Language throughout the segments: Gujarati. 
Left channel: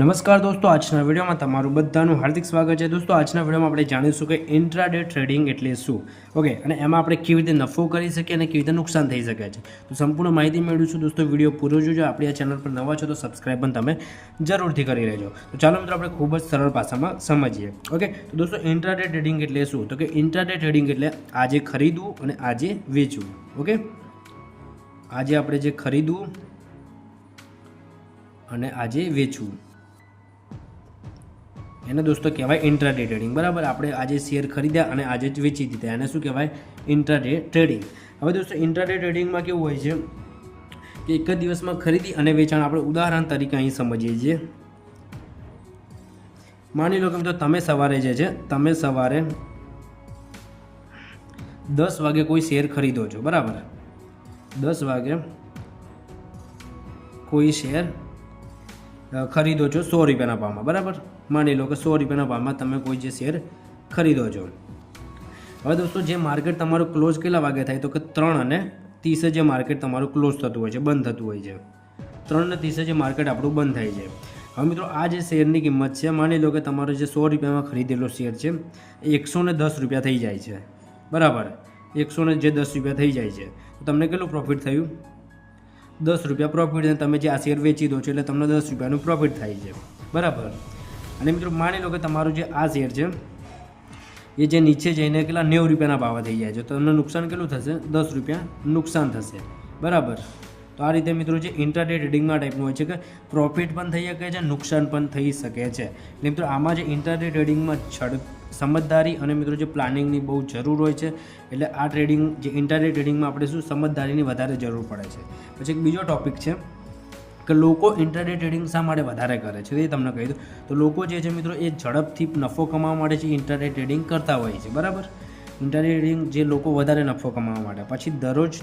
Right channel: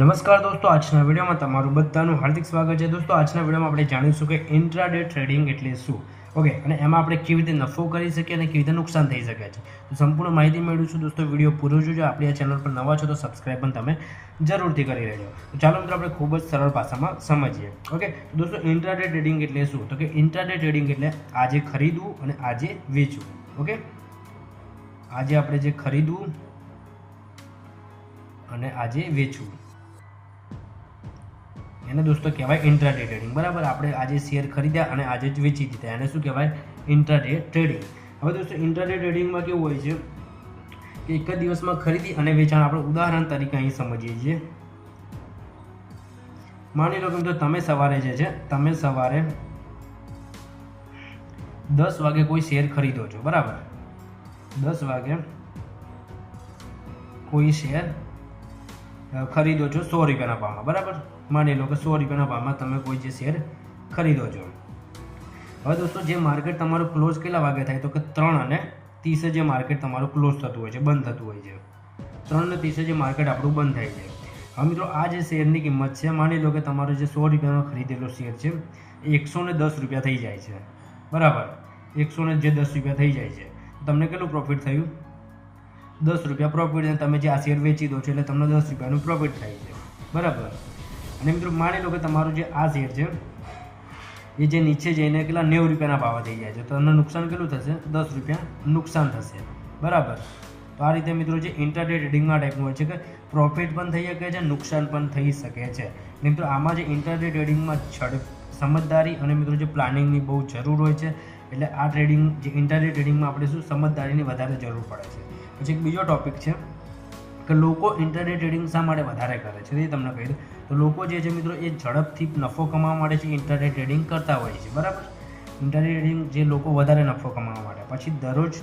નમસ્કાર દોસ્તો, આજના વિડીયોમાં તમારું બધાનું હાર્દિક સ્વાગત છે. દોસ્તો, આજના વિડીયોમાં આપણે જાણીશું કે ઇન્ટ્રાડે ટ્રેડિંગ એટલે શું. ઓકે, અને એમાં આપણે કેવી રીતે નફો કરી શકીએ અને કેવી રીતે નુકસાન થઈ શકે છે, તો સંપૂર્ણ માહિતી મેળવીશું. દોસ્તો, વિડીયો પૂરો જોજો. આપણી આ ચેનલ પર નવા છો તો સબસ્ક્રાઈબ પણ તમે જરૂરથી કરી લેજો. તો ચાલો મિત્રો, આપણે ખૂબ જ સરળ ભાષામાં સમજીએ. ઓકે, તો દોસ્તો, ઇન્ટ્રાડે ટ્રેડિંગ એટલે શું? તો કે ઇન્ટ્રાડે ટ્રેડિંગ એટલે આજે ખરીદવું અને આજે વેચવું. ઓકે, આજે આપણે જે ખરીદવું અને આજે વેચવું એને દોસ્તો કહેવાય ઇન્ટ્રાડે ટ્રેડિંગ. બરાબર, આપણે આજે શેર ખરીદ્યા અને આજે જ વેચી દીધા, એને શું કહેવાય? Intraday trading. હવે દોસ્તો, ઇન્ટ્રાડે ટ્રેડિંગમાં કેવું હોય છે કે એક જ દિવસમાં ખરીદી અને વેચાણ. આપણે ઉદાહરણ તરીકે અહીં સમજીએ છીએ. માની લો કે મિત્રો, તમે સવારે 10 વાગે કોઈ શેર ખરીદો છો. બરાબર, 10 વાગે કોઈ શેર ખરીદો છો 100 રૂપિયાના ભાવમાં. બરાબર, માની લો કે 100 રૂપિયાના ભાવમાં તમે કોઈ જે શેર ખરીદો છો. હવે દોસ્તો, જે માર્કેટ તમારું ક્લોઝ કેટલા વાગે થાય? તો કે 3:30 જે માર્કેટ તમારું ક્લોઝ થતું હોય છે, બંધ થતું હોય છે. 3:30 જે માર્કેટ આપણું બંધ થાય છે. હવે મિત્રો, આ જે શેરની કિંમત છે, માની લો કે તમારો જે 100 રૂપિયામાં ખરીદેલો શેર છે એ 110 રૂપિયા થઈ જાય છે. બરાબર, 110 રૂપિયા થઈ જાય છે. તો તમને કેટલું પ્રોફિટ થયું? 10 રૂપિયા પ્રોફિટ. અને તમે જે આ શેર વેચી દો છો એટલે તમને 10 રૂપિયાનું પ્રોફિટ થાય છે. બરાબર. અને મિત્રો, માની લો કે તમારું જે આ શેર છે એ જે નીચે જઈને કેટલા 90 રૂપિયાના ભાવે થઈ જાય છે, તો તમને નુકસાન કેટલું થશે? 10 રૂપિયા નુકસાન થશે. બરાબર. તો આ રીતે મિત્રો, જે ઇન્ટ્રાડે ટ્રેડિંગમાં ટાઈપનું હોય છે કે પ્રોફિટ પણ થઈ શકે છે, નુકસાન પણ થઈ શકે છે. મિત્રો, આમાં જે ઇન્ટ્રાડે ટ્રેડિંગમાં સમજદારી અને મિત્રો જે પ્લાનિંગની બહુ જરૂર હોય છે. એટલે આ ટ્રેડિંગ જે ઇન્ટ્રાડે ટ્રેડિંગમાં આપણે શું સમજદારીની વધારે જરૂર પડે છે. પછી એક બીજો ટોપિક છે કે લોકો ઇન્ટ્રાડે ટ્રેડિંગ શા માટે વધારે કરે છે, એ તમને કહી દઉં. તો લોકો જે છે મિત્રો, એ ઝડપથી નફો કમાવા માટે છે ઇન્ટ્રાડે ટ્રેડિંગ કરતા હોય છે. બરાબર, ઇન્ટ્રાડે ટ્રેડિંગ જે લોકો વધારે નફો કમાવા માટે, પછી દરરોજ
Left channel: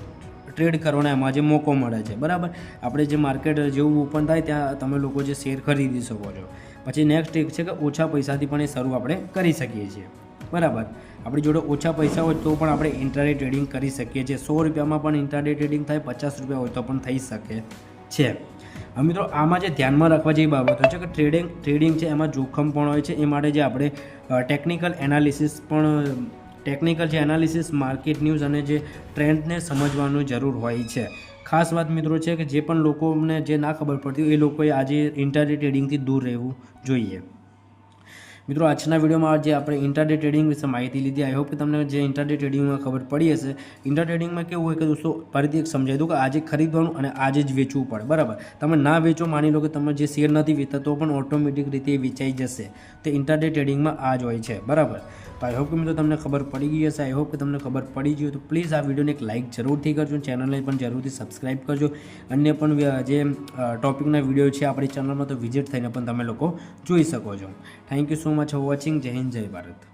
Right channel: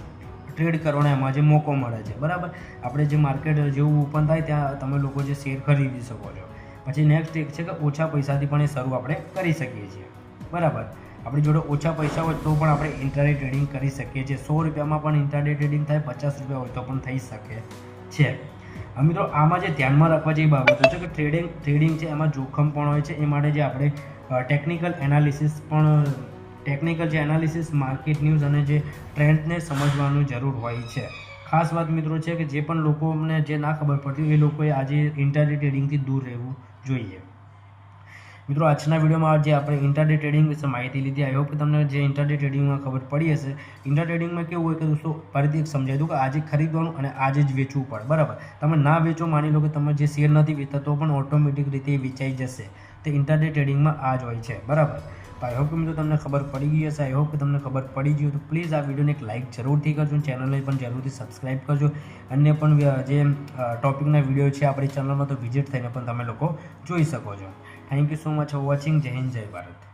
ટ્રેડ કરવાનો એમાં જે મોકો મળે છે. બરાબર, આપણે જે માર્કેટ જેવું ઓપન થાય ત્યાં તમે લોકો જે શેર ખરીદી શકો છો. પછી નેક્સ્ટ એક છે કે ઓછા પૈસાથી પણ એ શરૂ આપણે કરી શકીએ છીએ. બરાબર, આપણી જોડે ઓછા પૈસા હોય તો પણ આપણે ઇન્ટ્રાડે ટ્રેડિંગ કરી શકીએ છીએ. 100 રૂપિયામાં પણ ઇન્ટ્રાડે ટ્રેડિંગ થાય, 50 રૂપિયા હોય તો પણ થઈ શકે છે. મિત્રો, આમાં જે ધ્યાનમાં રાખવા જેવી બાબતો છે કે ટ્રેડિંગ છે એમાં જોખમ પણ હોય છે. એ માટે જે આપણે ટેકનિકલ જે એનાલિસિસ, માર્કેટ ન્યૂઝ અને જે ટ્રેન્ડને સમજવાની જરૂર હોય છે. ખાસ વાત મિત્રો છે કે જે પણ લોકોને જે ના ખબર પડતી હોય એ લોકોએ આજે ઇન્ટ્રાડે ટ્રેડિંગથી દૂર રહેવું જોઈએ. મિત્રો, આજના વિડીયોમાં જે આપણે ઇન્ટ્રાડે ટ્રેડિંગ વિશે માહિતી લીધી, આઈ હોપ કે તમને જે ઇન્ટ્રાડે ટ્રેડિંગમાં ખબર પડી હશે. ઇન્ટ્રાડે ટ્રેડિંગમાં કેવું હોય કે દોસ્તો, ફરીથી એક સમજાવી દઉં કે આજે ખરીદવાનું અને આજે જ વેચવું પડે. બરાબર, તમે ના વેચો, માની લો કે તમે જે શેર નથી વેચતા તો પણ ઓટોમેટિક રીતે વેચાઈ જશે. તે ઇન્ટ્રાડે ટ્રેડિંગમાં આ જ હોય છે. બરાબર, તો આઈ હોપ કે મિત્રો તમને ખબર પડી ગઈ હશે. આઈ હોપ કે તમને ખબર પડી ગઈ હોય તો પ્લીઝ આ વિડીયોને એક લાઇક જરૂરથી કરજો, ચેનલને પણ જરૂરથી સબસ્ક્રાઈબ કરજો. અન્ય પણ જે ટોપિકના વિડીયો છે આપણી ચેનલમાં, તો વિઝિટ થઈને પણ તમે લોકો જોઈ શકો છો. Thank you so much for watching. જય હિન્દ, જય ભારત.